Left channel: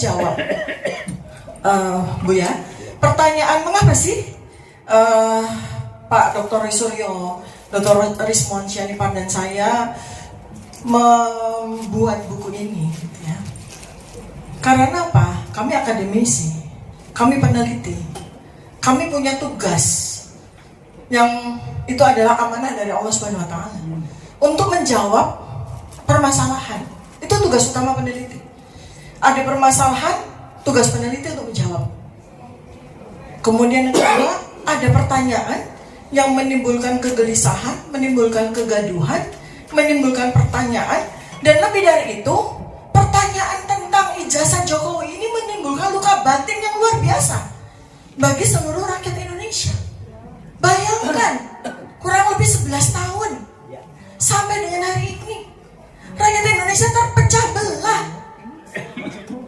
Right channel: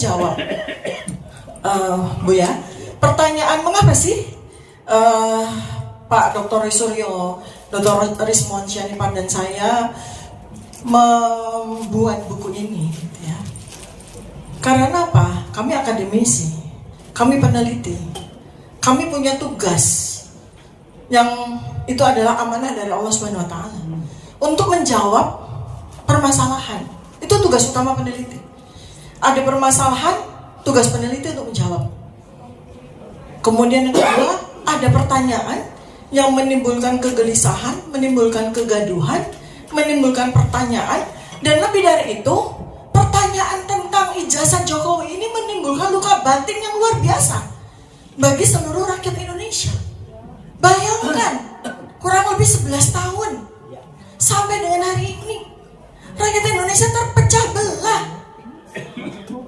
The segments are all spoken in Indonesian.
menjawab, Bu ya. Pertanyaan mengapa sih Pak Dr. Suryo, Dr. Rismon Syanipan dan saya membuat buku ini, gitu ya. Karena apa? Kami akademisi, kami peneliti, kami punya tugas yang itu adalah amanah dari Allah Subhanahu Wa Taala untuk menjawab permasalahan. Itu tugas utama peneliti. Ada permasalahan, tugas peneliti untuk menjawab. Kemudian yang kedua, ada pertanyaan yang menimbulkan kegelisahan, menimbulkan kegaduhan, menimbulkan pertanyaan, dan lebih dari itu, pertanyaan tentang ijazah Jokowi ini menimbulkan luka batin yang luar biasa bagi seluruh rakyat Indonesia. Bayangkan, kurang lebih 11 tahun sampai dengan hari ini, rakyat Indonesia terpecah belah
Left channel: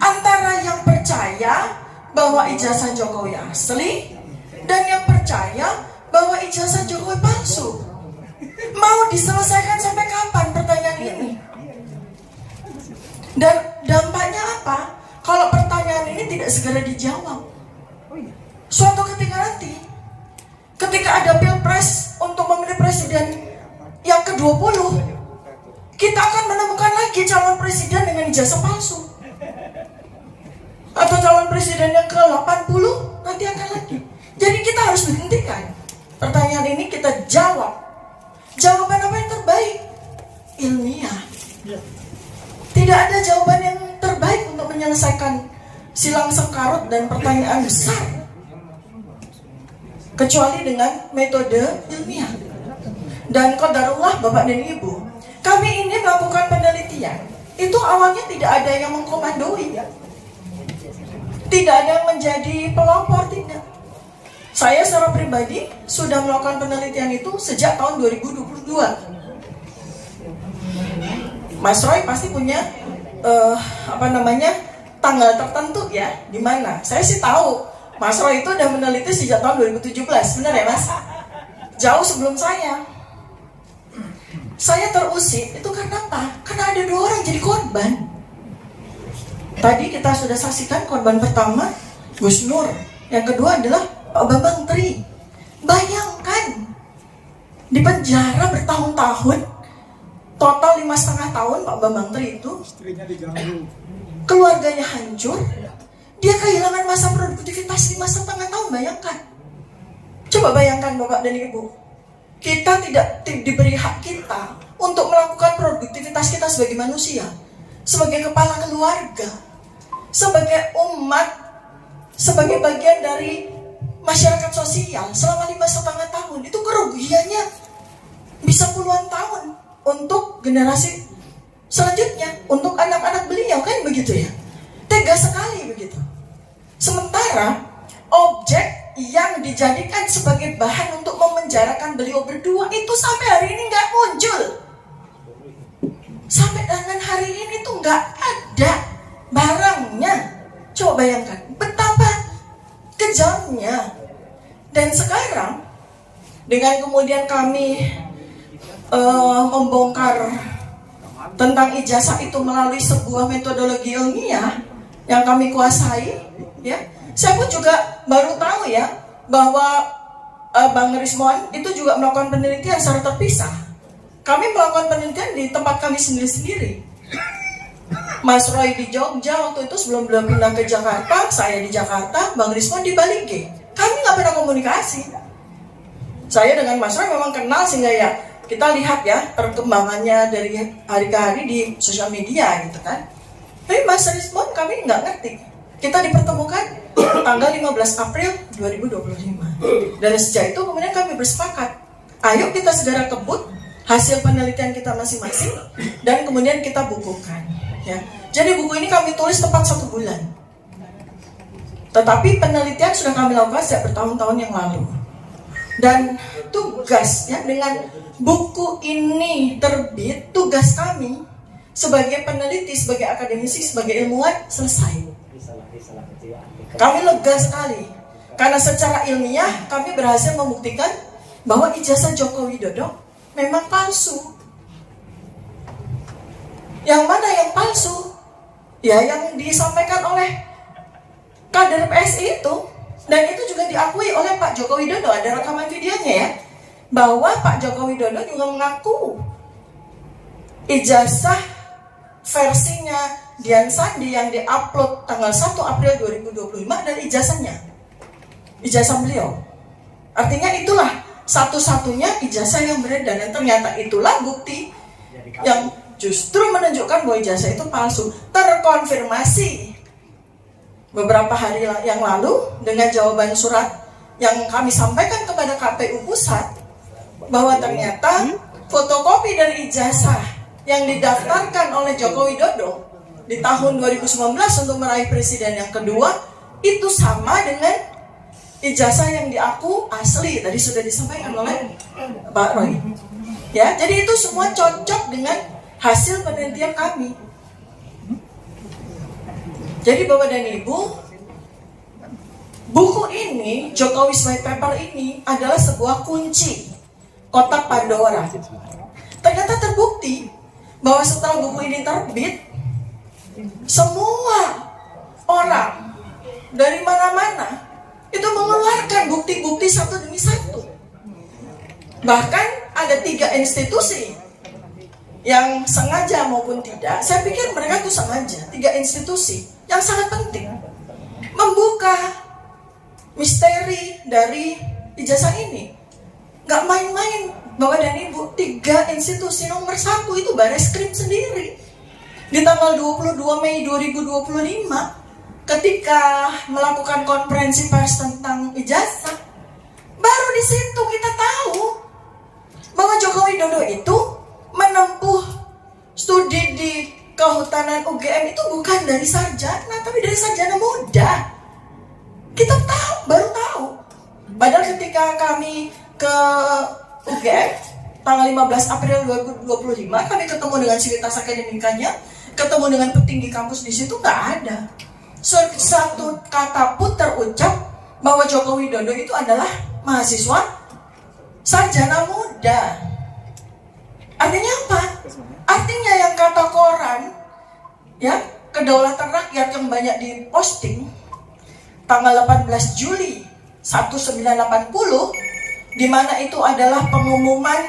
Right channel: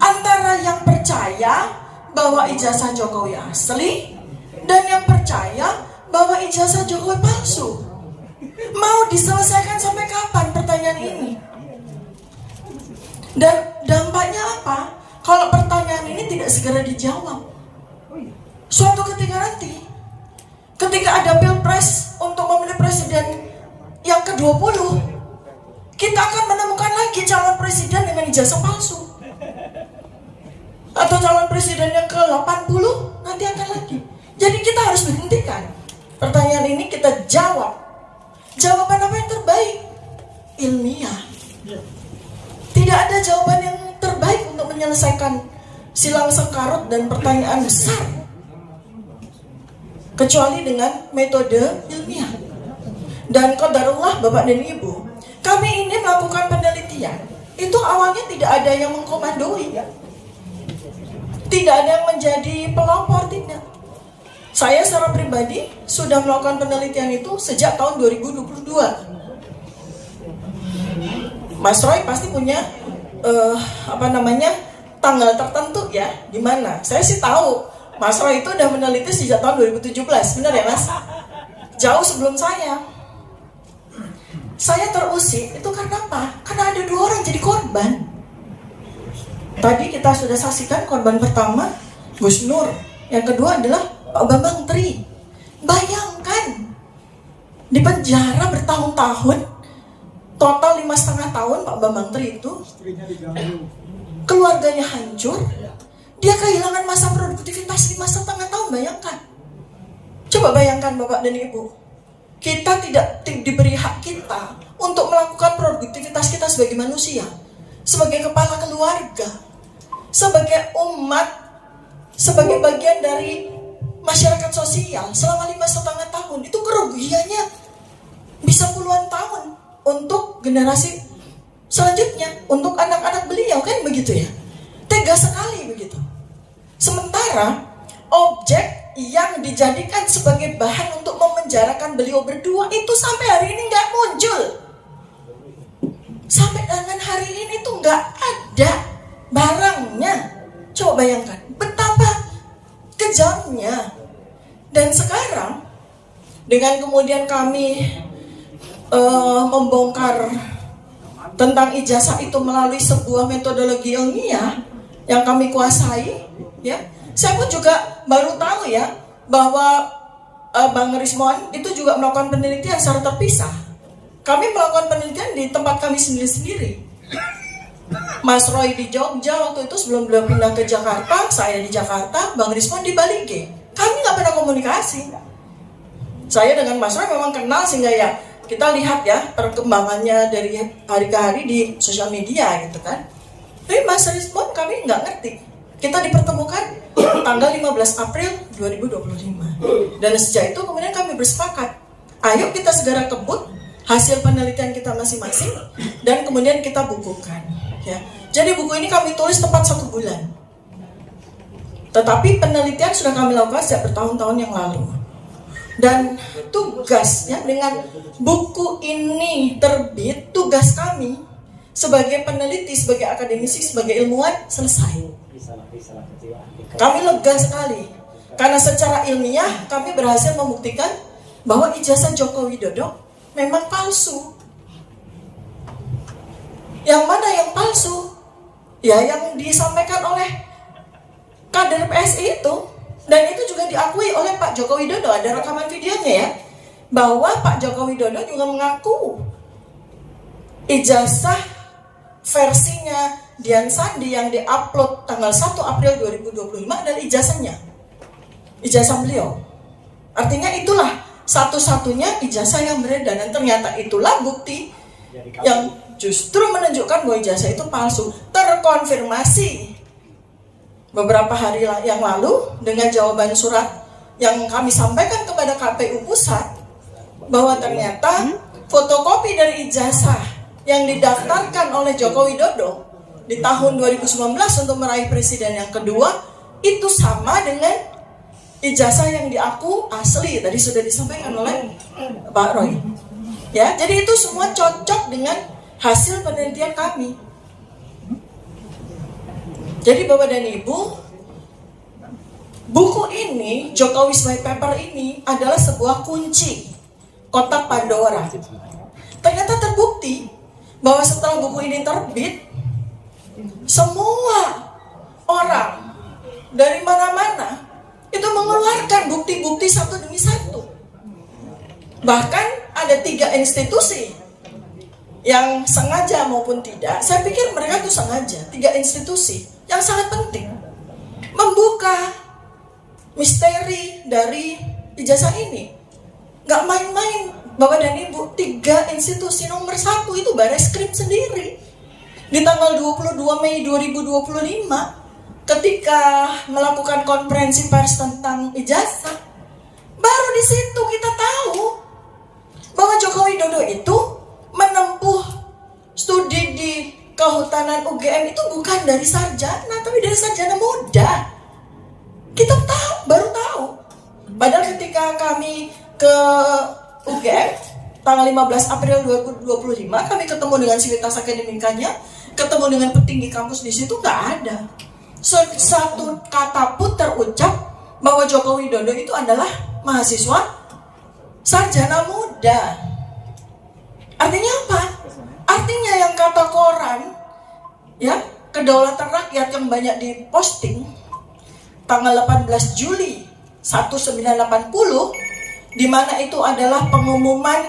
antara yang percaya bahwa ijazah Jokowi asli dan yang percaya bahwa ijazah Jokowi palsu. Mau diselesaikan sampai kapan pertanyaan ini? Dan dampaknya apa kalau pertanyaan ini tidak segera dijawab? Suatu ketika nanti, ketika ada pilpres untuk memilih presiden yang ke-20, kita akan menemukan lagi calon presiden dengan ijazah palsu. Atau calon presiden yang ke-80 nanti akan lagi. Jadi kita harus menghentikan pertanyaan ini, kita jawab. Jawaban apa yang terbaik? Ilmiah. Tidak ada jawaban yang terbaik untuk menyelesaikan silang sengkarut dan pertanyaan besar kecuali dengan metode ilmiah. Dan qadarullah Bapak dan Ibu, kami ini melakukan penelitian. Itu awalnya tidak ada yang mengkomandoi, tidak ada yang menjadi pelopor, tidak. Saya secara pribadi sudah melakukan penelitian itu sejak tahun 2022. Mas Roy pasti punya tanggal tertentu ya, di mana. Saya sih tahu Mas Roy itu udah meneliti sejak tahun 2017, benar ya Mas? Jauh sebelum saya. Saya terusik itu karena apa? Karena ada 2 orang jadi korban. Tadi kita sudah saksikan korban pertama Gus Nur, yang kedua adalah Pak Bambang Tri. Bayangkan, di penjara bertahun-tahun, total 5,5 tahun Pak Bambang Tri itu, keluarganya hancur, dia kehilangan masa produktivitas 5,5 tahun. Bayangkan, coba bayangkan Bapak dan Ibu, kita tidak diberi hak kita untuk melakukan produktivitas kita sebagai manusia, sebagai kepala keluarga, sebagai umat, sebagai bagian dari masyarakat sosial selama 5,5 tahun. Itu kerugiannya bisa puluhan tahun untuk generasi selanjutnya, untuk anak-anak beliau, kan begitu ya. Tega sekali begitu. Sementara objek yang dijadikan sebagai bahan untuk memenjarakan beliau berdua itu sampai hari ini nggak muncul. Sampai dengan hari ini tuh nggak ada barangnya. Coba bayangkan betapa kejamnya. Dan sekarang dengan kemudian kami membongkar tentang ijazah itu melalui sebuah metodologi ilmiah yang kami kuasai, ya. Saya pun juga baru tahu ya bahwa Bang Rismon itu juga melakukan penelitian secara terpisah. Kami melakukan penelitian di tempat kami sendiri-sendiri. Mas Roy di Jogja waktu itu sebelum beliau pindah ke Jakarta, saya di Jakarta, Bang Rismon di Bali G. Kami nggak pernah komunikasi. Saya dengan Mas Roy memang kenal sehingga ya kita lihat ya perkembangannya dari hari ke hari di sosial media gitu kan. Tapi Mas Rismon kami nggak ngerti. Kita dipertemukan tanggal 15 April 2025. Dan sejak itu kemudian kami bersepakat, ayo kita segera kebut hasil penelitian kita masing-masing dan kemudian kita bukukan. Ya. Jadi buku ini kami tulis tepat 1 bulan. Tetapi penelitian sudah kami lakukan sejak bertahun-tahun yang lalu. Dan tugasnya dengan buku ini terbit, tugas kami sebagai peneliti, sebagai akademisi, sebagai ilmuwan selesai. Kami lega sekali karena secara ilmiah kami berhasil membuktikan bahwa ijazah Joko Widodo memang palsu. Yang mana yang palsu? ya yang disampaikan oleh kader PSI itu, dan itu juga diakui oleh Pak Joko Widodo, ada rekaman videonya ya, bahwa Pak Joko Widodo juga mengaku ijazah versinya Dian Sandi yang diupload tanggal 1 April 2025 dan ijazah beliau. Artinya itulah satu-satunya ijazah yang beredar, dan ternyata itulah bukti yang justru menunjukkan bahwa ijazah itu palsu. Terkonfirmasi beberapa hari yang lalu dengan jawaban surat yang kami sampaikan kepada KPU Pusat, bahwa ternyata fotokopi dari ijazah yang didaftarkan oleh Joko Widodo di tahun 2019 untuk meraih presiden yang kedua itu sama dengan ijazah yang diaku asli, tadi sudah disampaikan oleh Pak Roy. Ya, jadi itu semua cocok dengan hasil penelitian kami. Jadi Bapak dan Ibu, buku ini, Jokowi's White Paper ini adalah sebuah kunci kotak Pandora. Ternyata terbukti bahwa setelah buku ini terbit, semua orang dari mana-mana itu mengeluarkan bukti-bukti satu demi satu. Bahkan ada 3 institusi yang sengaja maupun tidak, saya pikir mereka itu sengaja, 3 institusi yang sangat penting membuka misteri dari ijazah ini. Gak main-main Bapak dan Ibu, 3 institusi nomor 1 itu Bareskrim sendiri. Di tanggal 22 Mei 2025 ketika melakukan konferensi pers tentang ijazah, baru di situ kita tahu bahwa Joko Widodo itu menempuh studi di kehutanan UGM itu bukan dari sarjana, tapi dari sarjana muda. Kita baru tahu. Padahal ketika kami ke UGM tanggal 15 April 2025, kami ketemu dengan sivitas akademikanya, ketemu dengan petinggi kampus di situ, nggak ada satu kata pun terucap bahwa Joko Widodo itu adalah mahasiswa sarjana muda. Artinya apa? Artinya yang kata koran, ya, Kedaulatan Rakyat yang banyak diposting tanggal 18 Juli 1980, di mana itu adalah pengumuman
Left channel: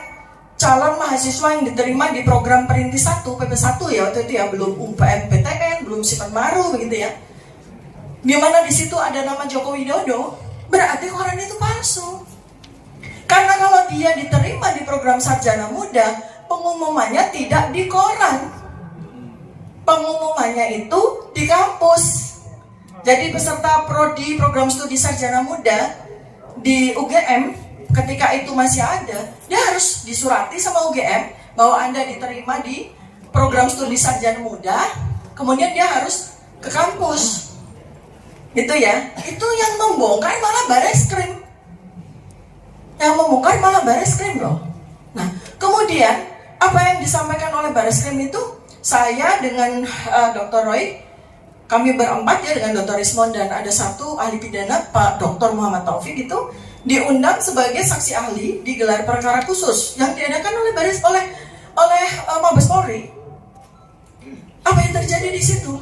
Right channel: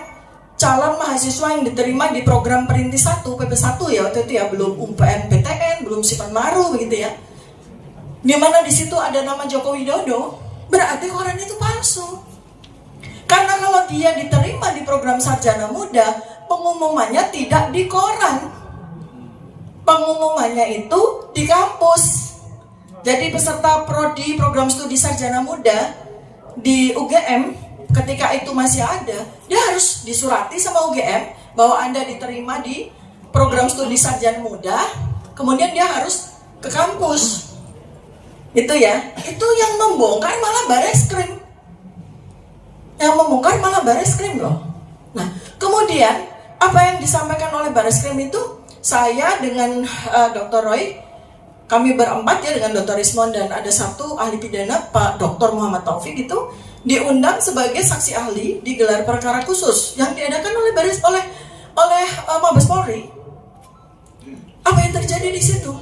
calon mahasiswa yang diterima di program Perintis 1, PP1 ya waktu itu ya, belum UPN-PTN, belum Sipan Maru begitu ya. Di mana di situ ada nama Joko Widodo, berarti koran itu palsu. Karena kalau dia diterima di program sarjana muda, pengumumannya tidak di koran. Pengumumannya itu di kampus. Jadi peserta prodi program studi sarjana muda di UGM ketika itu masih ada, dia harus disurati sama UGM bahwa Anda diterima di program studi sarjana muda, kemudian dia harus ke kampus. Itu ya, itu yang membongkar malah Bareskrim. Yang membongkar malah Bareskrim loh. Nah, kemudian apa yang disampaikan oleh Bareskrim itu, saya dengan Dr. Roy, kami berempat ya dengan Dr. Rismon dan ada satu ahli pidana Pak Dr. Muhammad Taufik itu diundang sebagai saksi ahli di gelar perkara khusus yang diadakan oleh Mabes Polri. Apa yang terjadi di situ?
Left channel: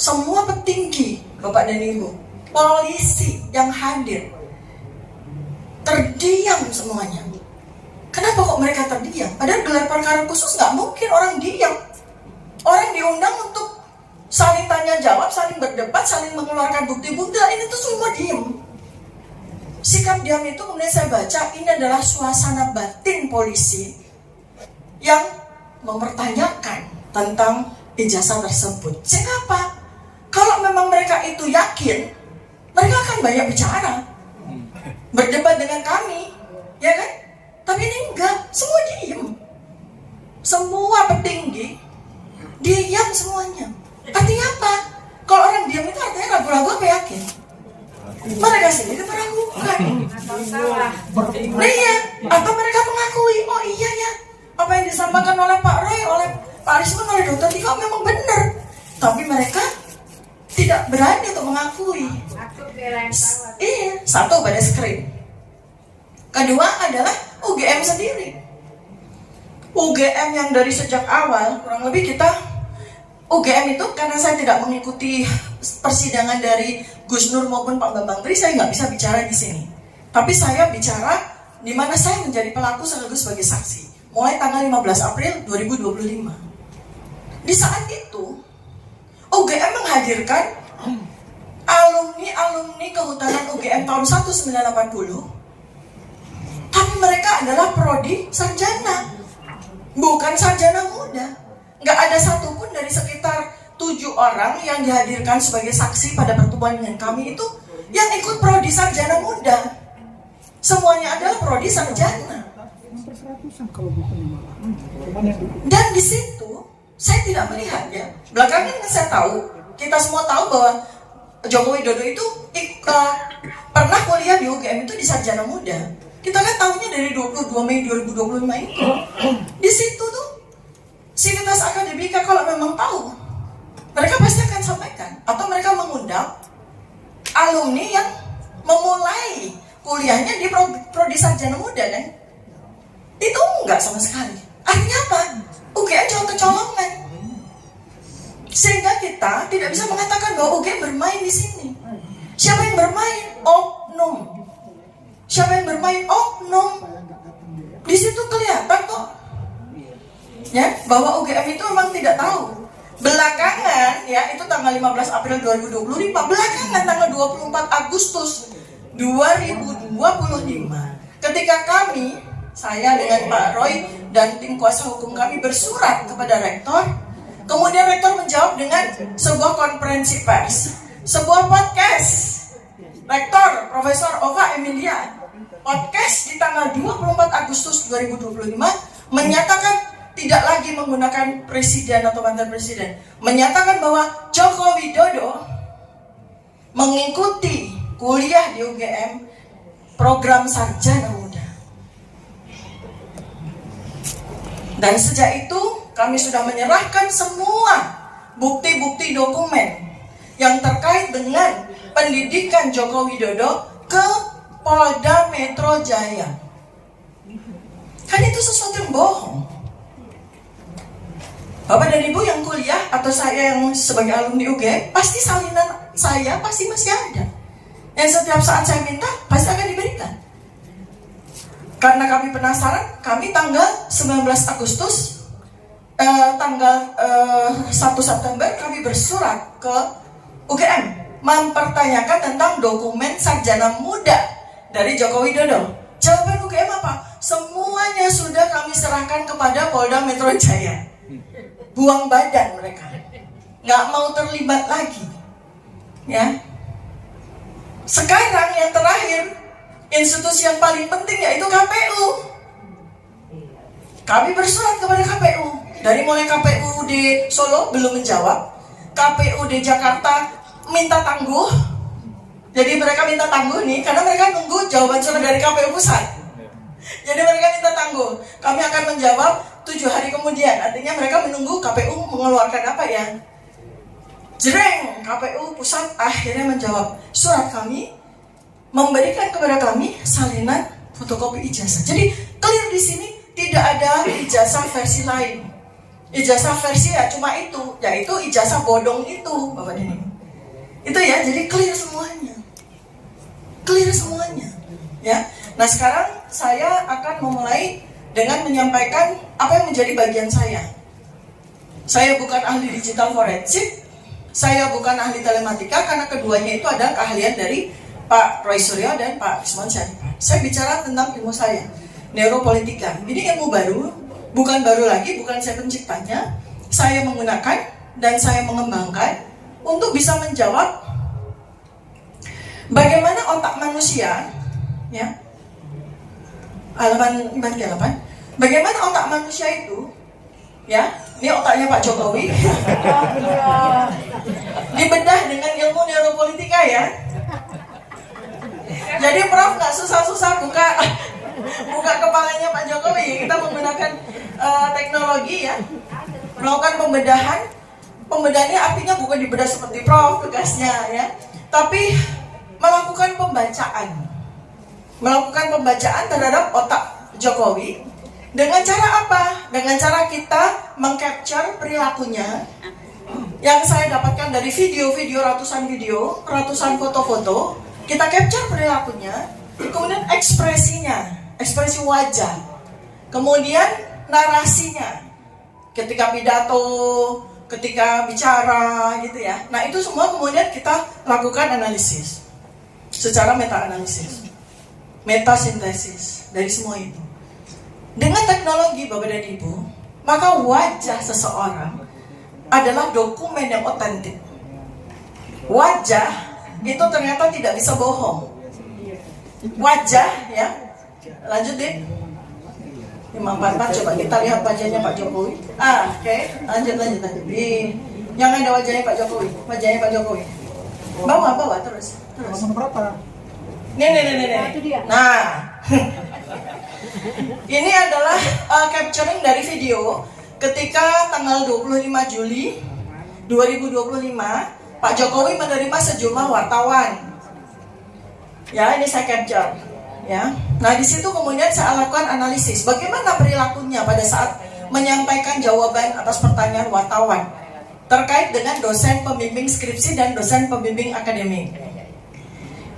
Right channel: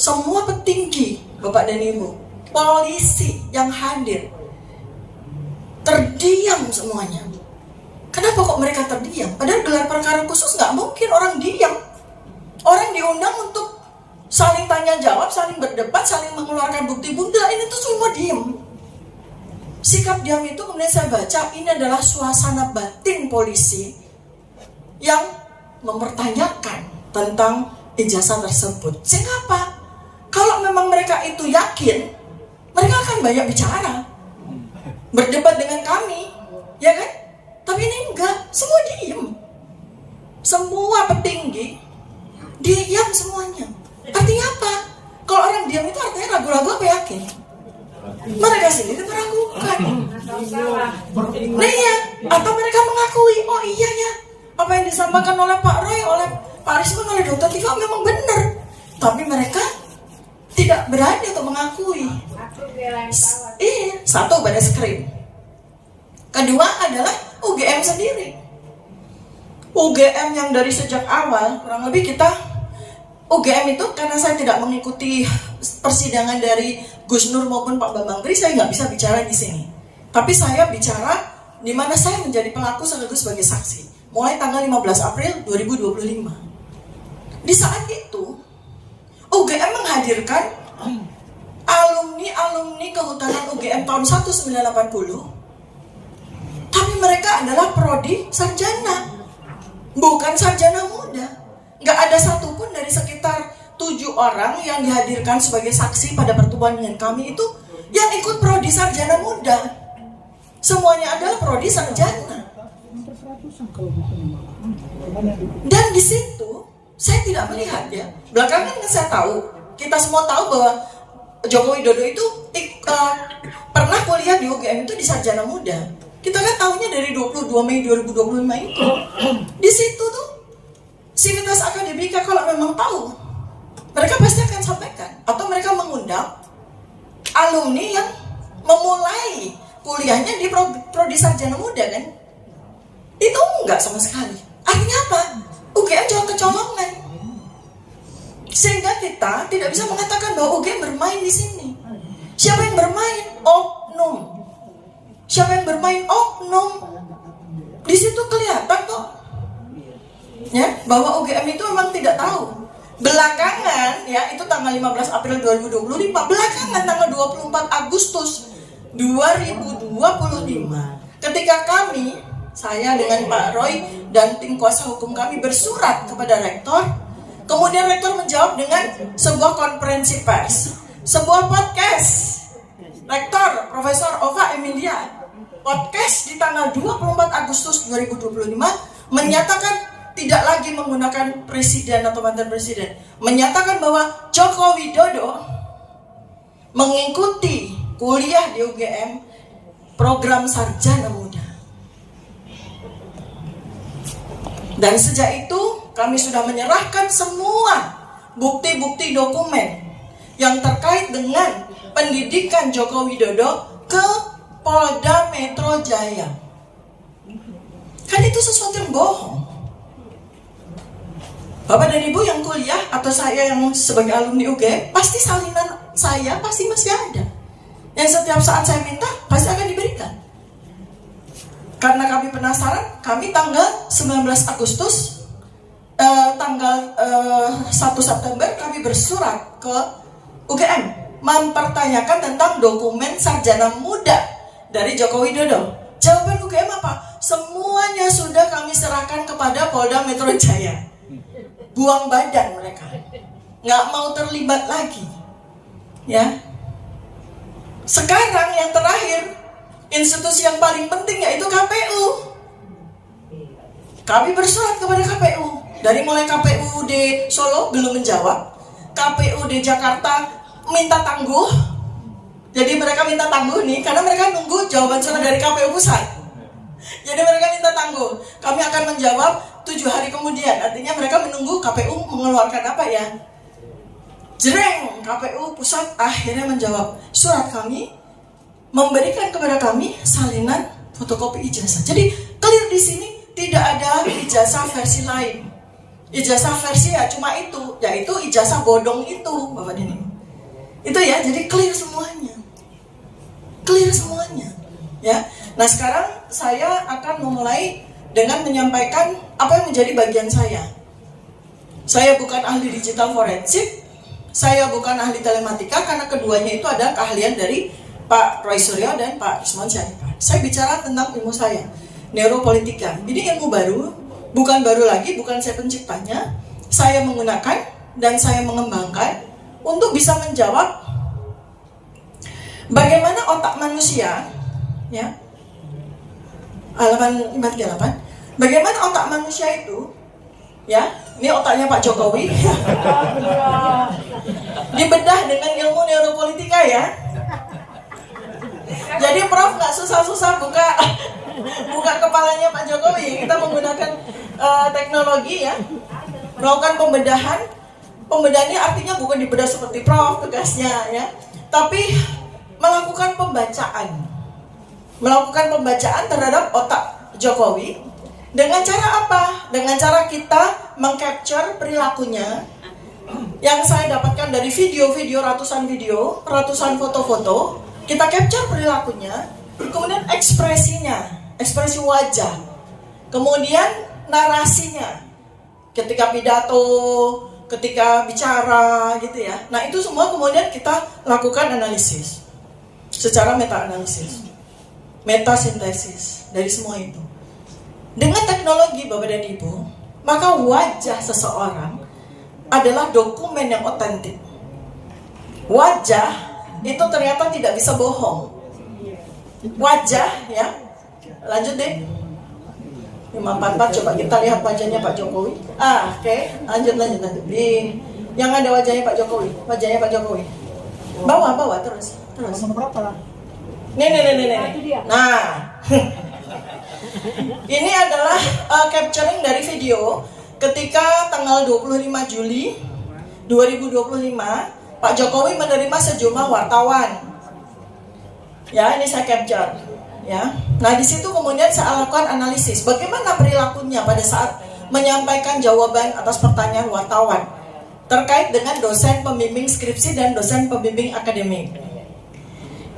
Semua petinggi, Bapak dan Ibu, polisi yang hadir terdiam semuanya. Kenapa kok mereka terdiam? Padahal gelar perkara khusus nggak mungkin orang diam. Orang diundang untuk saling tanya jawab, saling berdebat, saling mengeluarkan bukti-bukti. Ini tuh semua diam. Sikap diam itu kemudian saya baca ini adalah suasana batin polisi yang mempertanyakan tentang ijazah tersebut. Sehingga apa? Kalau memang mereka itu yakin, mereka akan banyak bicara, berdebat dengan kami, ya kan? Tapi ini enggak, semua diam. Semua petinggi diam semuanya. Artinya apa? Kalau orang diam itu artinya ragu-ragu apa yakin? Mereka sendiri meragukan. Nah iya, atau mereka mengakui, oh iya ya, apa yang disampaikan oleh Pak Roy, oleh Pak Rismon, oleh Dr. Tika memang benar. Tapi mereka tidak berani untuk mengakui. Iya, satu Bareskrim. Kedua adalah UGM sendiri. UGM yang dari sejak awal kurang lebih kita UGM itu karena saya tidak mengikuti persidangan dari Gus Nur maupun Pak Bambang Tri, saya nggak bisa bicara di sini. Tapi saya bicara di mana saya menjadi pelaku sekaligus sebagai saksi. Mulai tanggal 15 April 2025. Di saat itu, UGM menghadirkan alumni kehutanan UGM tahun 1980. Tapi mereka adalah prodi sarjana, bukan sarjana muda. Nggak ada satupun dari sekitar 7 orang yang dihadirkan sebagai saksi pada pertemuan dengan kami itu yang ikut prodi sarjana muda. Semuanya adalah prodi sarjana. Dan di situ saya tidak melihat ya. Belakangan saya tahu, kita semua tahu bahwa Joko Widodo itu pernah kuliah di UGM itu di sarjana muda. Kita kan tahunya dari 22 Mei 2025 itu. Di situ tuh Sivitas Akademika kalau memang tahu, mereka pasti akan sampaikan. Atau mereka mengundang alumni yang memulai kuliahnya di prodi sarjana muda kan. Itu enggak sama sekali. Artinya apa? UGM cuma kecolongan. Sehingga kita tidak bisa mengatakan bahwa UGM bermain di sini. Siapa yang bermain? Oknum. Siapa yang bermain? Oknum. Di situ kelihatan kok, ya, bahwa UGM itu memang tidak tahu. Belakangan, ya, itu tanggal 15 April 2025. Belakangan tanggal 24 Agustus 2025, ketika kami, saya dengan Pak Roy dan tim kuasa hukum kami bersurat kepada rektor. Kemudian rektor menjawab dengan sebuah konferensi pers, sebuah podcast. Rektor Profesor Ova Emilia podcast di tanggal 24 Agustus 2025 menyatakan tidak lagi menggunakan presiden atau mantan presiden, menyatakan bahwa Joko Widodo mengikuti kuliah di UGM program sarjana muda. Dan sejak itu kami sudah menyerahkan semua bukti-bukti dokumen yang terkait dengan pendidikan Joko Widodo ke Polda Metro Jaya. Kan itu sesuatu yang bohong. Bapak dan Ibu yang kuliah atau saya yang sebagai alumni UGM, pasti salinan saya pasti masih ada. Yang setiap saat saya minta pasti akan diberikan. Karena kami penasaran, kami tanggal 19 Agustus tanggal 1 September kami bersurat ke UGM mempertanyakan tentang dokumen sarjana muda dari Joko Widodo. Jawaban UGM apa? Semuanya sudah kami serahkan kepada Polda Metro Jaya. Buang badan mereka, nggak mau terlibat lagi. Ya. Sekarang yang terakhir, institusi yang paling penting yaitu KPU. Kami bersurat kepada KPU. Dari mulai KPU di Solo belum menjawab, KPU di Jakarta minta tangguh. Jadi mereka minta tangguh nih, karena mereka nunggu jawaban surat dari KPU pusat. Jadi mereka minta tangguh. Kami akan menjawab 7 hari kemudian. Artinya mereka menunggu KPU mengeluarkan apa ya. Jreng, KPU pusat akhirnya menjawab surat kami, memberikan kepada kami salinan fotokopi ijazah. Jadi clear di sini tidak ada ijazah versi lain. Ijazah versi ya cuma itu, yaitu ijazah bodong itu, Bapak dan Ibu. Itu ya, jadi clear semuanya. Clear semuanya. Ya. Nah, sekarang saya akan memulai dengan menyampaikan apa yang menjadi bagian saya. Saya bukan ahli digital forensik, saya bukan ahli telematika, karena keduanya itu adalah keahlian dari Pak Roy Suryo dan Pak Usman Syarifah. Saya bicara tentang ilmu saya, neuropolitika. Ini ilmu baru, bukan baru lagi, bukan saya penciptanya. Saya menggunakan dan saya mengembangkan untuk bisa menjawab bagaimana otak manusia, ya, halaman 48. Bagaimana otak manusia itu, ya, ini otaknya Pak Jokowi, dibedah dengan ilmu neuropolitika ya. Jadi Prof nggak susah-susah buka kepalanya Pak Jokowi. Kita menggunakan teknologi ya, melakukan pembedahan. Pembedahannya artinya bukan dibedah seperti Prof tugasnya ya, tapi melakukan pembacaan. Melakukan pembacaan terhadap otak Jokowi. Dengan cara apa? Dengan cara kita mengcapture perilakunya yang saya dapatkan dari video-video, ratusan foto-foto, kita capture perilakunya, kemudian ekspresinya, ekspresi wajah, kemudian narasinya, ketika pidato, ketika bicara gitu ya. Nah itu semua kemudian kita lakukan analisis secara meta-analisis, meta-sintesis dari semua itu. Dengan teknologi Bapak dan Ibu, maka wajah seseorang adalah dokumen yang otentik. Wajah itu ternyata tidak bisa bohong. Wajah ya, lanjut deh. 544 coba kita lihat wajahnya Pak Jokowi. Oke. Lanjut. Yang ada wajahnya Pak Jokowi. Bawa terus. Nomor berapa? Nih. Nah. Ini adalah capturing dari video ketika tanggal 25 Juli 2025 Pak Jokowi menerima sejumlah wartawan. Ya, ini saya capture. Ya. Nah, di situ kemudian saya lakukan analisis bagaimana perilakunya pada saat menyampaikan jawaban atas pertanyaan wartawan terkait dengan dosen pembimbing skripsi dan dosen pembimbing akademik.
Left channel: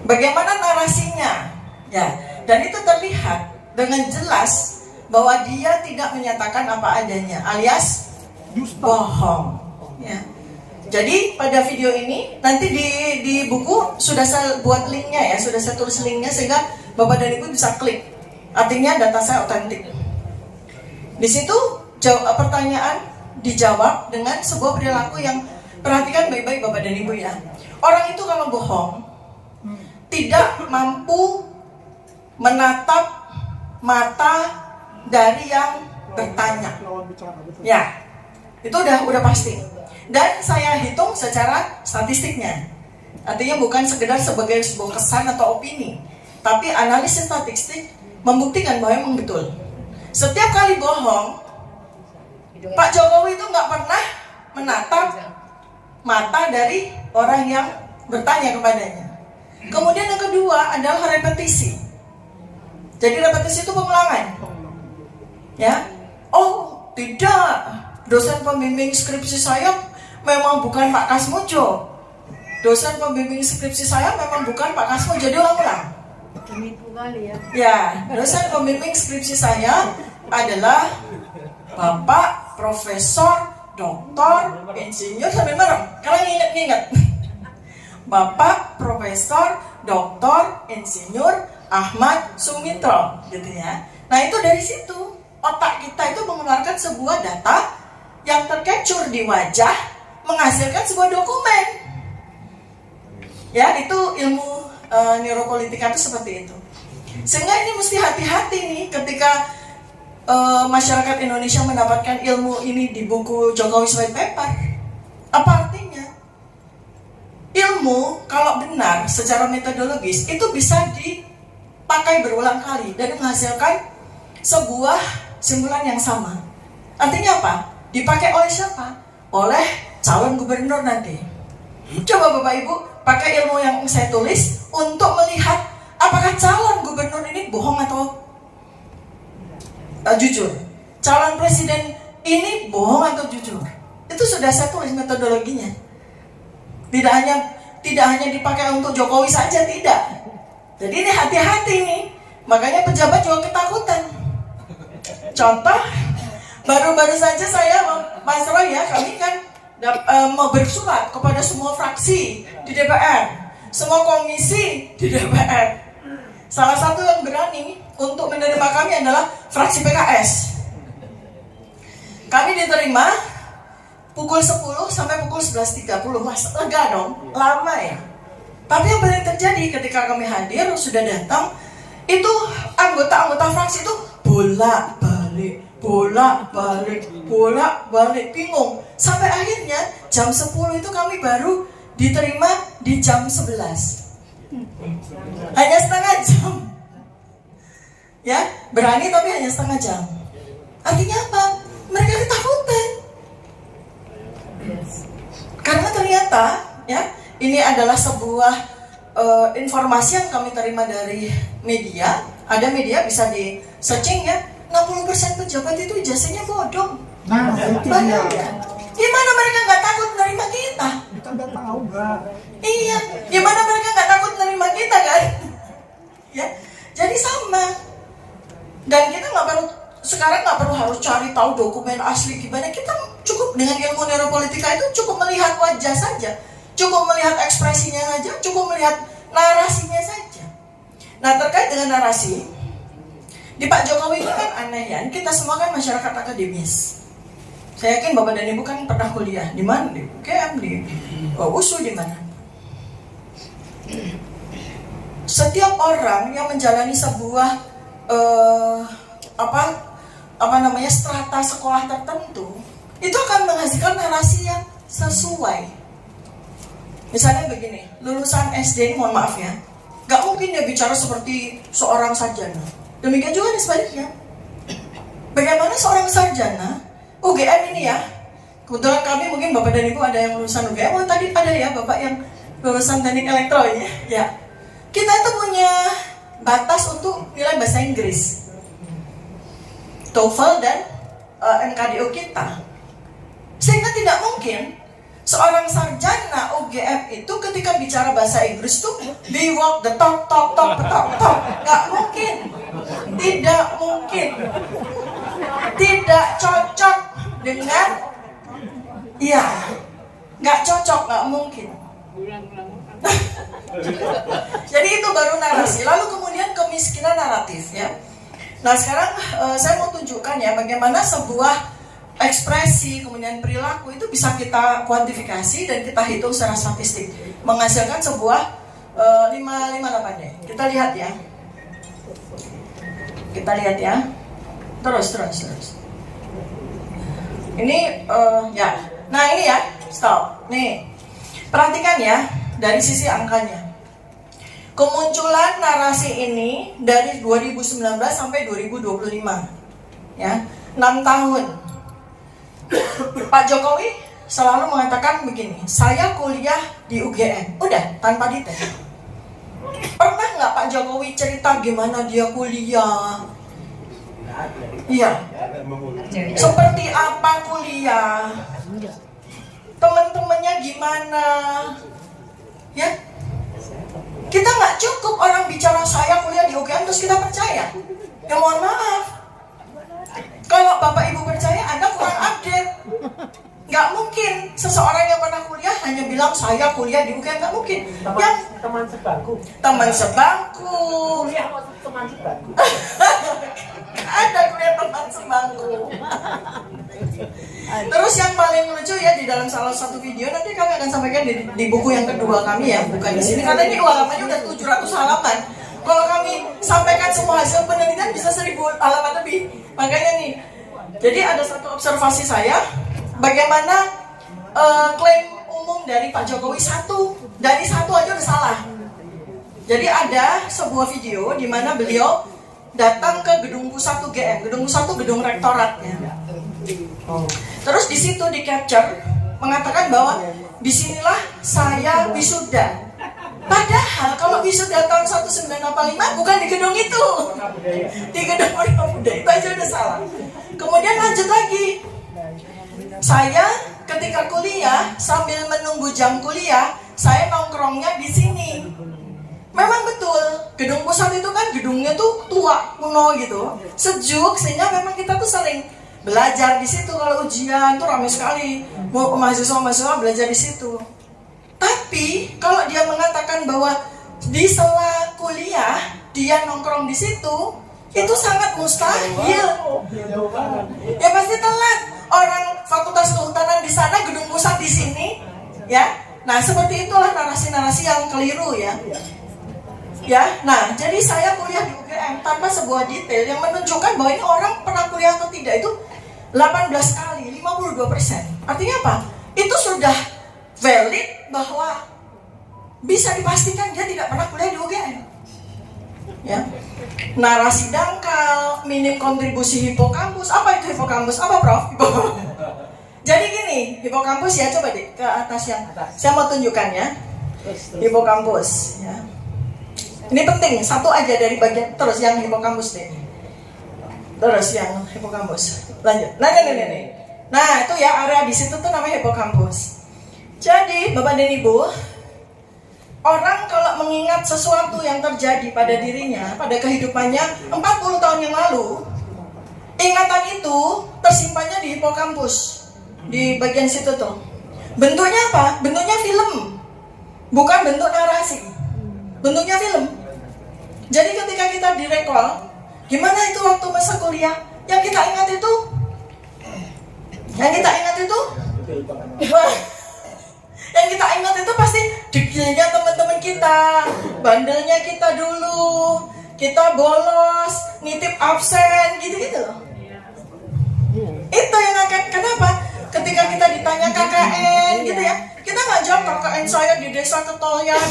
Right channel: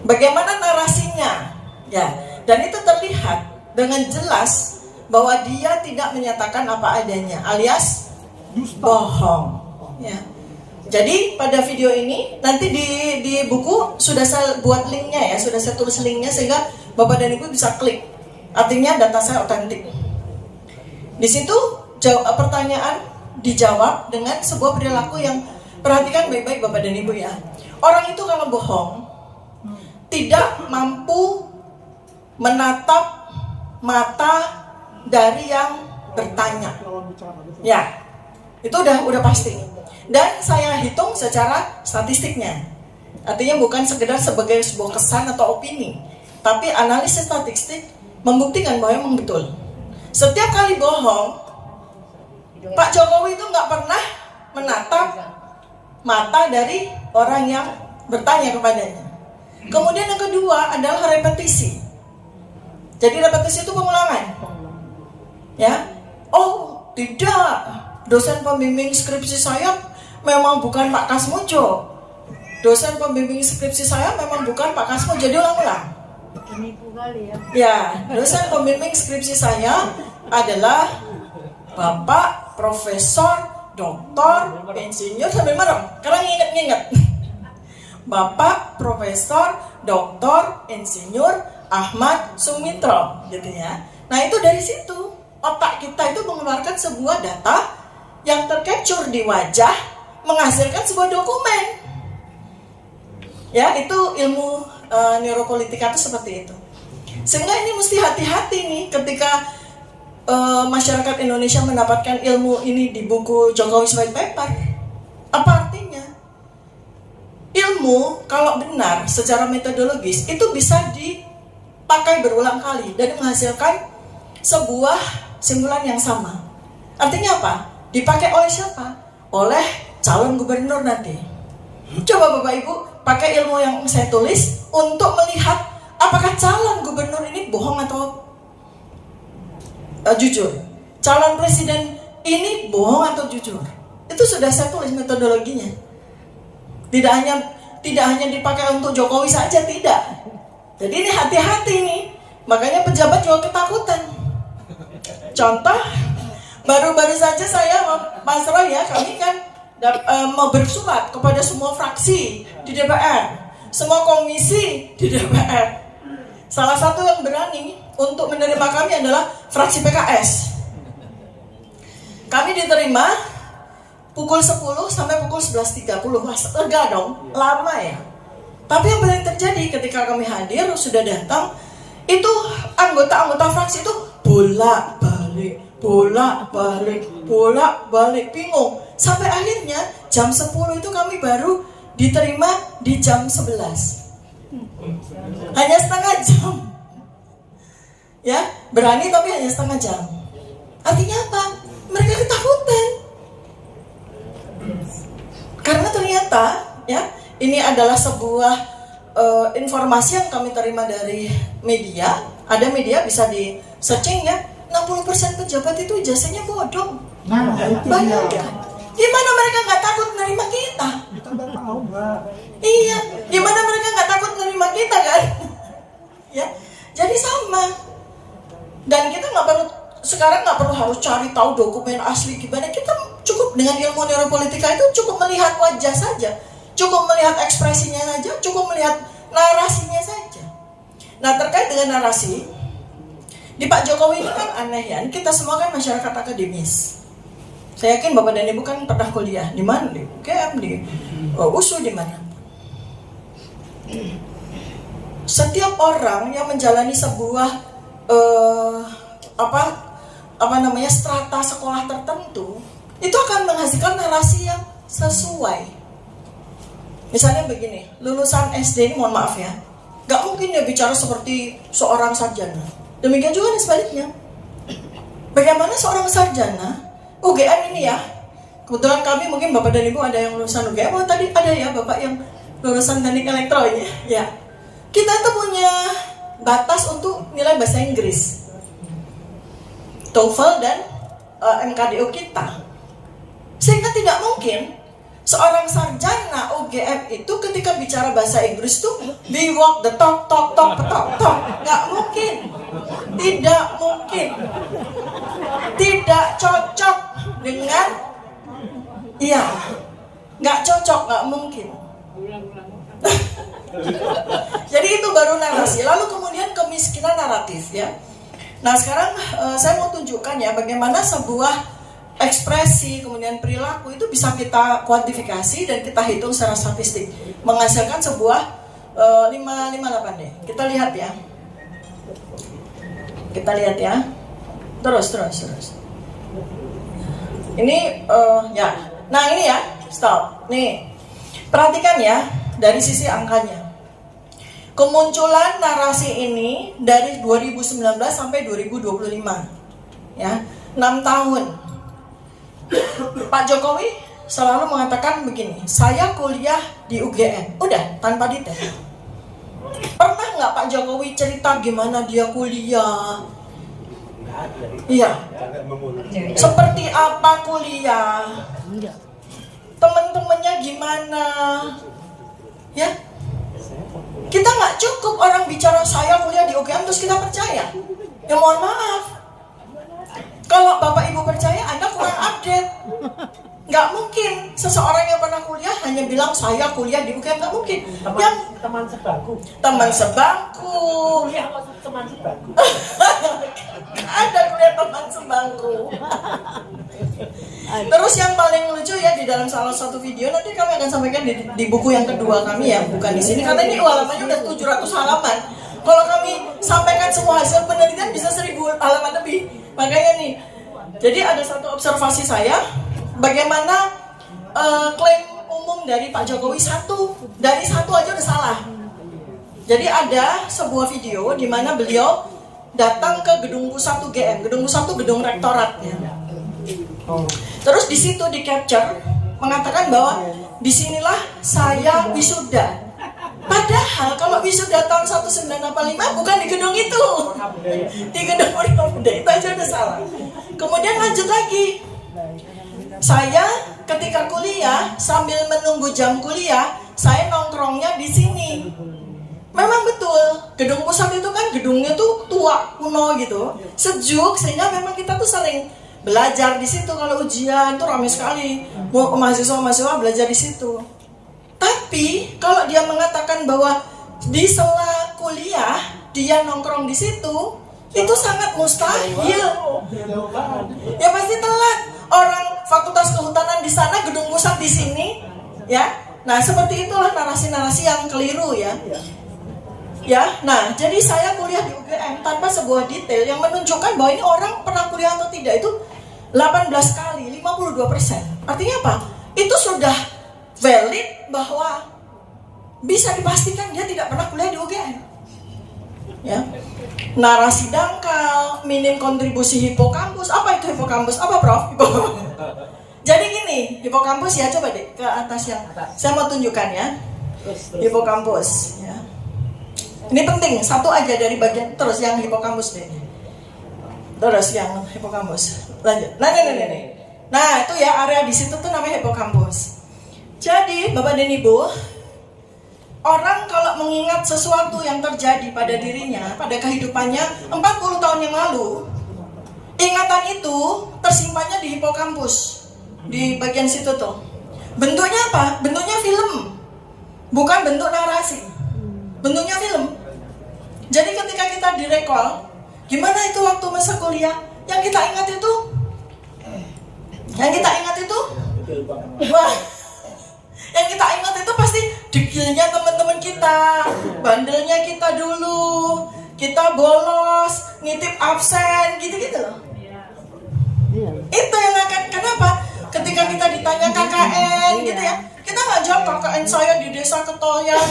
Bagaimana narasinya? Ya, dan itu terlihat dengan jelas bahwa dia tidak menyatakan apa adanya, alias bohong. Ya. Jadi pada video ini nanti di buku sudah saya buat linknya ya, sudah saya tulis linknya sehingga Bapak dan Ibu bisa klik. Artinya data saya otentik. Di situ pertanyaan dijawab dengan sebuah perilaku yang perhatikan baik-baik Bapak dan Ibu ya. Orang itu kalau bohong tidak mampu menatap mata dari yang bertanya. Ya, itu udah pasti. Dan saya hitung secara statistiknya. Artinya bukan sekedar sebagai sebuah kesan atau opini, tapi analisis statistik membuktikan bahwa memang betul. Setiap kali bohong, Pak Jokowi itu nggak pernah menatap mata dari orang yang bertanya kepadanya. Kemudian yang kedua adalah repetisi. Jadi repetisi itu pengulangan. Ya, oh tidak, dosen pembimbing skripsi saya memang bukan Pak Kasmojo. Dosen pembimbing skripsi saya memang bukan Pak Kasmojo. Jadi ulang-ulang. Ya, dosen pembimbing skripsi saya adalah Bapak Profesor Doktor Insinyur sampai merem. Karena ingat. Bapak Profesor Doktor Insinyur Ahmad Sumitro, gitu ya. Nah itu dari situ otak kita itu mengeluarkan sebuah data yang tercapture di wajah, menghasilkan sebuah dokumen. Ya itu ilmu neuropolitika itu seperti itu. Sehingga ini mesti hati-hati nih ketika masyarakat Indonesia mendapatkan ilmu ini di buku Jokowi White Paper. Apa artinya? Ilmu kalau benar secara metodologis itu bisa dipakai berulang kali dan menghasilkan sebuah simpulan yang sama. Artinya apa? Dipakai oleh siapa? Oleh calon gubernur nanti. Coba Bapak Ibu pakai ilmu yang saya tulis untuk melihat apakah calon gubernur ini bohong atau jujur. Calon presiden ini bohong atau jujur. Itu sudah saya tulis metodologinya. Tidak hanya dipakai untuk Jokowi saja, tidak. Jadi ini hati-hati nih. Makanya pejabat juga ketakutan. Contoh, baru-baru saja saya, Mas Roy ya, kami kan mau bersurat kepada semua fraksi di DPR, semua komisi di DPR. Salah satu yang berani untuk menerima kami adalah fraksi PKS. Kami diterima pukul 10 sampai pukul 11.30. Mas, lega dong, lama ya. Tapi yang paling terjadi ketika kami hadir, sudah datang, itu anggota-anggota fraksi itu bolak-balik, bingung. Sampai akhirnya jam 10 itu kami baru diterima di jam 11. Hanya setengah jam. Ya, berani tapi hanya setengah jam. Artinya apa? Mereka ketakutan. Karena ternyata ya ini adalah sebuah informasi yang kami terima dari media. Ada media bisa di searching ya, 60% pejabat itu ijazahnya bodong. Banyak ya. Gimana mereka nggak takut menerima kita? Kita nggak tahu nggak? Iya, gimana mereka nggak takut menerima kita kan? Ya, jadi sama. Dan kita sekarang nggak perlu harus cari tahu dokumen asli gimana. Kita cukup dengan ilmu neuropolitika itu cukup melihat wajah saja, cukup melihat ekspresinya saja, cukup melihat narasinya saja. Nah, terkait dengan narasi, di Pak Jokowi ini kan aneh ya. Kita semua kan masyarakat akademis. Saya yakin Bapak dan Ibu kan pernah kuliah di mana? Di UGM, di USU, di mana? Setiap orang yang menjalani sebuah strata sekolah tertentu itu akan menghasilkan narasi yang sesuai. Misalnya begini, lulusan SD, mohon maaf ya, gak mungkin dia bicara seperti seorang sarjana. Demikian juga nih sebaliknya. Bagaimana seorang sarjana UGM ini ya, kebetulan kami mungkin Bapak dan Ibu ada yang lulusan UGM. Oh, tadi ada ya Bapak yang lulusan teknik elektro ya. Kita itu punya batas untuk nilai bahasa Inggris, TOEFL dan MKDO kita. Sehingga tidak mungkin seorang sarjana UGM itu ketika bicara bahasa Inggris tuh we walk the talk. Nggak mungkin. Tidak mungkin. Tidak cocok dengan nggak cocok, nggak mungkin. Jadi itu baru narasi. Lalu kemudian kemiskinan naratif ya. Nah sekarang saya mau tunjukkan ya bagaimana sebuah ekspresi kemudian perilaku itu bisa kita kuantifikasi dan kita hitung secara statistik menghasilkan sebuah 558 deh. Kita lihat ya. Terus. Ini ya. Nah ini ya, stop. Nih, perhatikan ya dari sisi angkanya. Kemunculan narasi ini dari 2019 sampai 2025, ya, 6 tahun. Pak Jokowi selalu mengatakan begini, saya kuliah di UGM, udah tanpa detail. Pernah nggak Pak Jokowi cerita gimana dia kuliah? Iya. Seperti apa kuliah? Teman-temannya gimana? Ya. Kita nggak cukup orang bicara saya kuliah di UGM terus kita percaya. Ya mohon maaf. Kalau Bapak Ibu percaya, Anda kurang update. Nggak mungkin seseorang yang pernah kuliah hanya bilang saya kuliah di UGM, nggak mungkin. Teman sebangku. Teman sebangku. Kuliah maksud teman sebangku. Ada kuliah teman sebangku. Terus yang paling lucu ya di dalam salah satu video nanti kami akan sampaikan di buku yang kedua kami ya, bukan di sini karena ini halamannya udah 700 halaman. Kalau kami sampaikan semua hasil penelitian bisa 1000 halaman lebih. Makanya nih, jadi ada satu observasi saya bagaimana klaim umum dari Pak Jokowi dari satu aja udah salah. Jadi ada sebuah video di mana beliau datang ke gedung pusat UGM, gedung pusat itu gedung rektoratnya. Terus di situ di capture mengatakan bahwa disinilah saya wisuda. Padahal kalau wisuda tahun 1985 bukan di gedung itu, di gedung Pemuda, itu aja udah salah. Kemudian lanjut lagi, saya ketika kuliah sambil menunggu jam kuliah, saya nongkrongnya di sini. Memang betul, gedung pusat itu kan gedungnya tuh tua, kuno gitu, sejuk, sehingga memang kita tuh sering belajar di situ. Kalau ujian tuh ramai sekali, mahasiswa belajar di situ. Tapi kalau dia mengatakan bahwa di sela kuliah dia nongkrong di situ, itu sangat mustahil. Ya pasti telat. Orang Fakultas Kehutanan di sana, gedung pusat di sini, ya. Nah seperti itulah narasi-narasi yang keliru ya. Ya, nah jadi saya kuliah di UGM tanpa sebuah detail yang menunjukkan bahwa ini orang pernah kuliah atau tidak itu 18 kali, 52%. Artinya apa? Itu sudah valid bahwa bisa dipastikan dia tidak pernah kuliah di UGM. Ya. Narasi dangkal, minim kontribusi hipokampus. Apa itu hipokampus? Apa Prof? Jadi gini, hipokampus ya, coba deh ke atas yang saya mau tunjukkan ya. Hipokampus ya. Ini penting, satu aja dari bagian terus yang hipokampus deh. Terus yang hipokampus. Lanjut. Nah. Nah itu ya area di situ tuh namanya hipokampus. Jadi Bapak dan Ibu, orang kalau mengingat sesuatu yang terjadi pada dirinya, pada kehidupannya 40 tahun yang lalu, ingatan itu tersimpannya di hipokampus, di bagian situ tuh. Bentuknya apa? Bentuknya film, bukan bentuk narasi. Bentuknya film. Jadi ketika kita direkol, gimana itu waktu masa kuliah? Yang kita ingat itu, wah, yang kita ingat itu pasti dekilnya teman-teman kita, bandelnya kita dulu, kita bolos, ngitip absen, gitu-gitu loh. Itu yang akan, kenapa? Ketika kita ditanya KKN gitu ya, kita nggak jawab KKN saya di desa Ketoyan,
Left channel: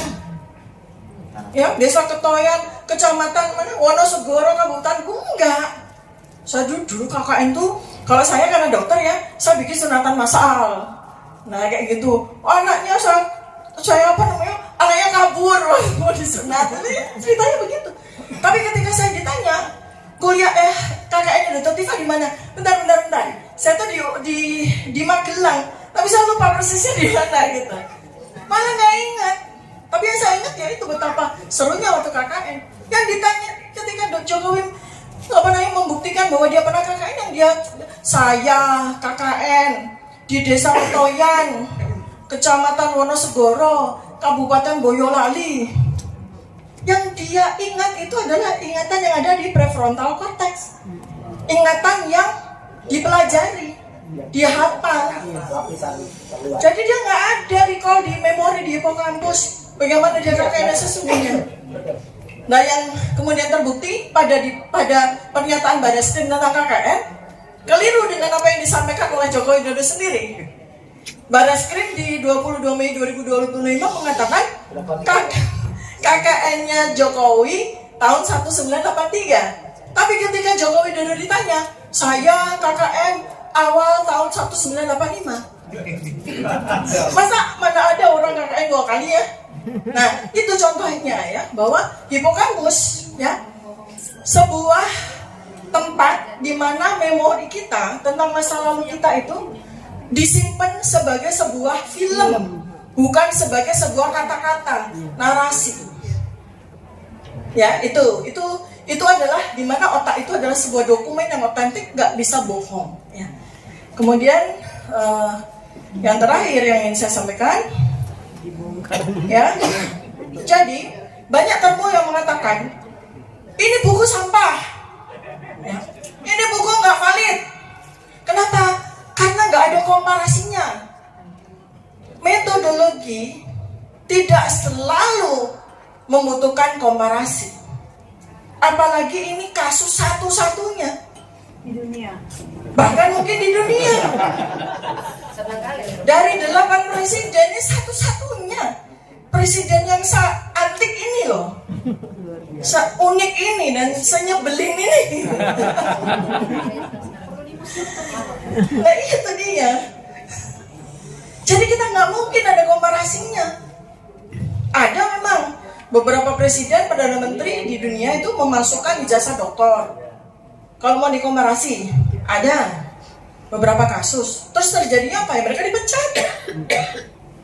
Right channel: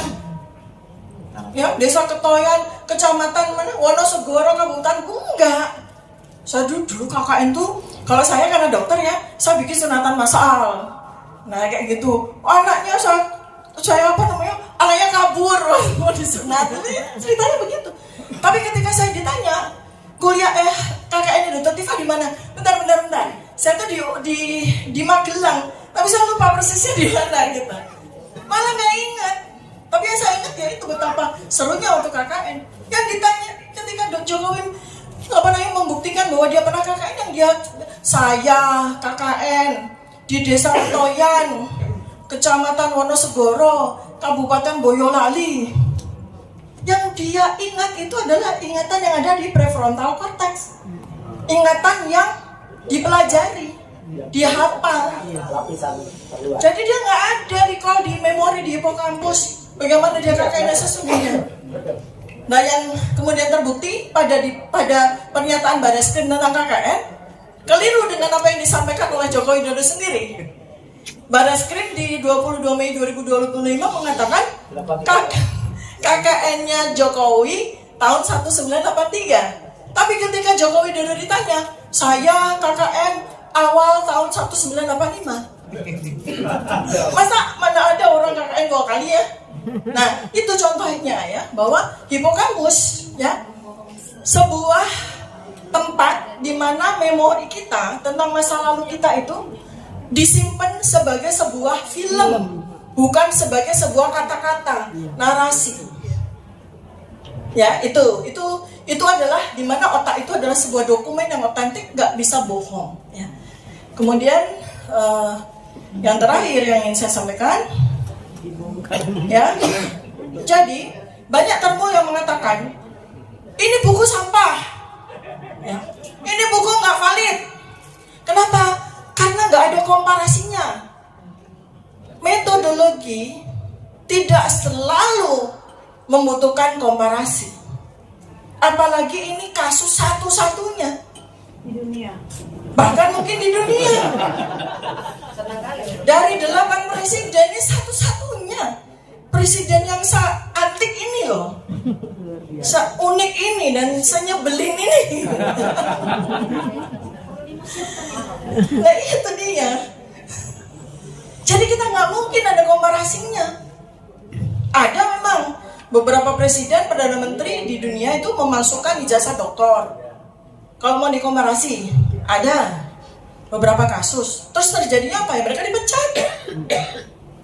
ya desa Ketoyan, kecamatan mana, Wonosegoro, Kabupaten, enggak. Saya dulu KKN tuh, kalau saya karena dokter ya, saya bikin sunatan massal. Nah kayak gitu, anaknya saya apa namanya, anaknya kabur mau disunat, ceritanya begitu. Tapi ketika saya ditanya, kuliah KKN Dokter Tika di mana? Bentar. Saya tuh di Magelang, tapi saya lupa persisnya di mana gitu. Malah nggak ingat. Tapi yang saya ingat ya itu betapa serunya waktu KKN. Yang ditanya ketika Dok Jokowi membuktikan bahwa dia pernah KKN, yang dia saya KKN di desa Toyan, kecamatan Wonosegoro, Kabupaten Boyolali. Yang dia ingat itu adalah ingatan yang ada di prefrontal cortex, ingatan yang dipelajari, dia hafal. Jadi dia nggak ada recall di memori di hipokampus bagaimana dia KKN sesungguhnya. Nah yang kemudian terbukti pada pernyataan Barreskrim tentang KKN keliru dengan apa yang disampaikan oleh Joko Widodo sendiri. Barreskrim di 22 Mei 2025 mengatakan KKN-nya Jokowi tahun 1983. Tapi ketika Joko Widodo ditanya, saya KKN awal tahun 1985. Masa mana ada orang KKN 2 kali ya? Nah, itu contohnya ya, bahwa hipokampus ya, sebuah tempat di mana memori kita tentang masa lalu kita itu disimpan sebagai sebuah film, bukan sebagai sebuah kata-kata, narasi. Ya, itu adalah di mana otak itu adalah sebuah dokumen yang otentik, nggak bisa bohong. Ya. Kemudian yang terakhir yang ingin saya sampaikan, ya, jadi banyak temu yang mengatakan ini buku sampah, ya. Ini buku nggak valid. Kenapa? Karena nggak ada komparasinya. Metodologi tidak selalu membutuhkan komparasi. Apalagi ini kasus satu-satunya di dunia. Bahkan mungkin di dunia. Dari 8 presiden ini satu-satunya presiden yang antik ini loh, seunik ini dan senyebelin ini. Nah itu dia. Jadi kita nggak mungkin ada komparasinya. Ada memang beberapa presiden, perdana menteri di dunia itu memasukkan ijazah doktor. Kalau mau dikomparasi, ada beberapa kasus. Terus terjadi apa ya? Mereka dipecat.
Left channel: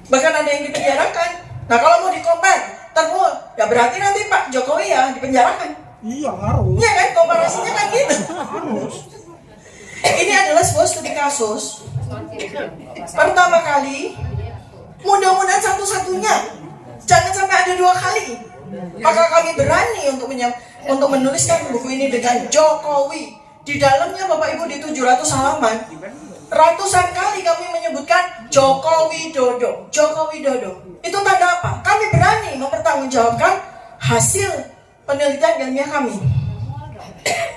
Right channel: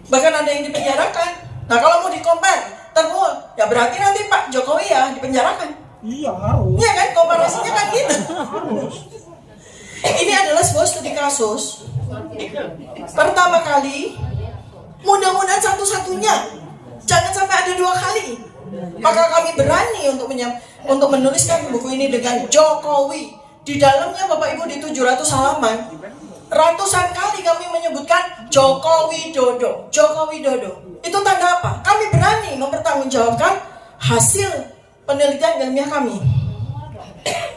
Bahkan ada yang dipenjarakan. Nah kalau mau dikompar, ya berarti nanti Pak Jokowi ya dipenjarakan. Iya harus. Iya kan, komparasinya kan gitu. Ini adalah sebuah studi kasus. Pertama kali, mudah-mudahan satu-satunya. Jangan sampai ada 2 kali. Maka kami berani untuk menuliskan buku ini dengan Jokowi. Di dalamnya Bapak Ibu di 700 halaman, ratusan kali kami menyebutkan Joko Widodo. Joko Widodo. Itu tanda apa? Kami berani mempertanggungjawabkan hasil penelitian ilmiah kami.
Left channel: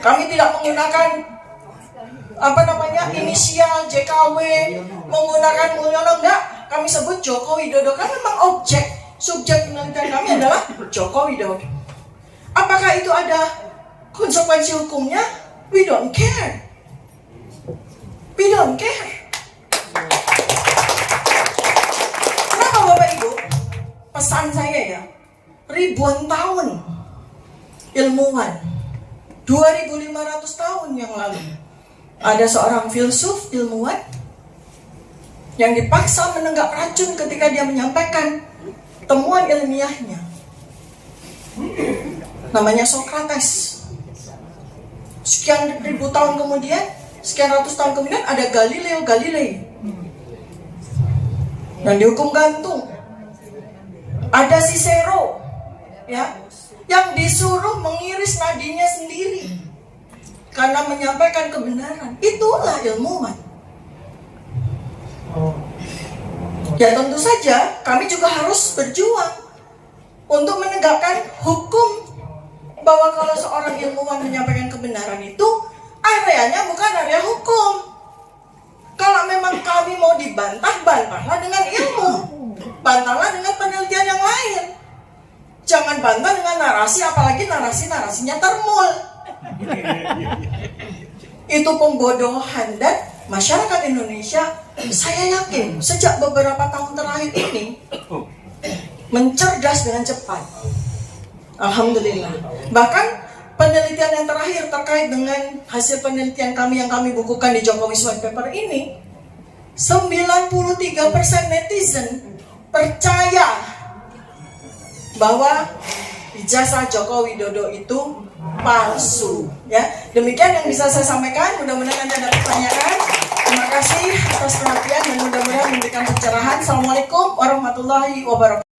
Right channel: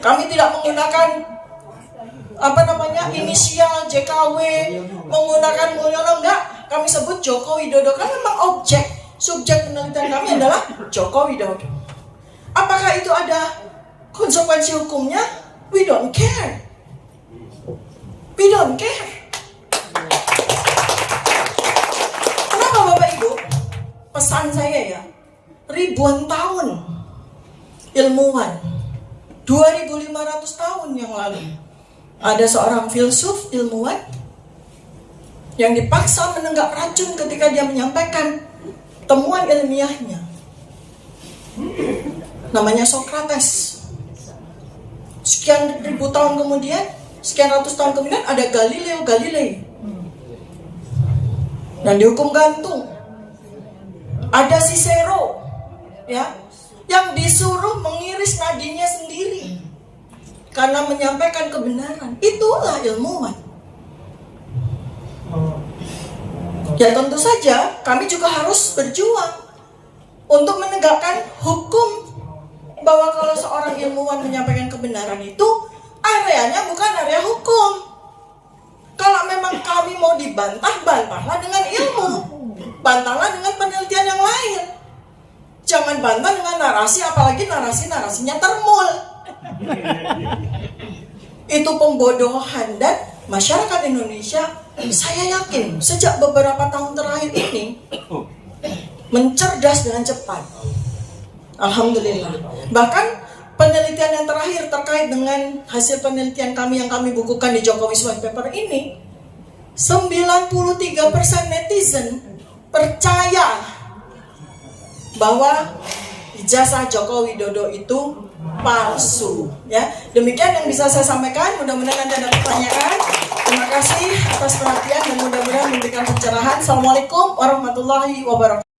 Kami tidak menggunakan inisial JKW, menggunakan Mulyono, enggak. Kami sebut Joko Widodo karena memang subjek penelitian kami adalah Joko Widodo. Apakah itu ada konsekuensi hukumnya? We don't care. We don't care. Kenapa Bapak Ibu? Pesan saya ya, ribuan tahun ilmuwan, 2.500 tahun yang lalu, ada seorang filsuf ilmuwan yang dipaksa menenggak racun ketika dia menyampaikan temuan ilmiahnya. Namanya Socrates. Sekian ribu tahun kemudian, sekian ratus tahun kemudian ada Galileo Galilei dan dihukum gantung. Ada Cicero, ya, yang disuruh mengiris nadinya sendiri karena menyampaikan kebenaran. Itulah ilmuwan. Ya tentu saja kami juga harus berjuang untuk menegakkan hukum, bahwa kalau seorang ilmuwan menyampaikan kebenaran itu areanya bukan area hukum. Kalau memang kami mau dibantah, bantahlah dengan ilmu, bantahlah dengan penelitian yang lain. Jangan bantah dengan narasi, apalagi narasinya termul. Itu pembodohan. Dan masyarakat Indonesia, saya yakin sejak beberapa tahun terakhir ini mencerdas dengan cepat. Alhamdulillah. Bahkan penelitian yang terakhir terkait dengan hasil penelitian kami yang kami bukukan di Jokowi's White Paper ini, 93% netizen percaya bahwa ijazah Joko Widodo itu palsu. Ya, demikian yang bisa saya sampaikan. Mudah-mudahan Anda ada pertanyaan. Terima kasih atas perhatian dan mudah-mudahan memberikan pencerahan. Assalamualaikum warahmatullahi wabarakatuh.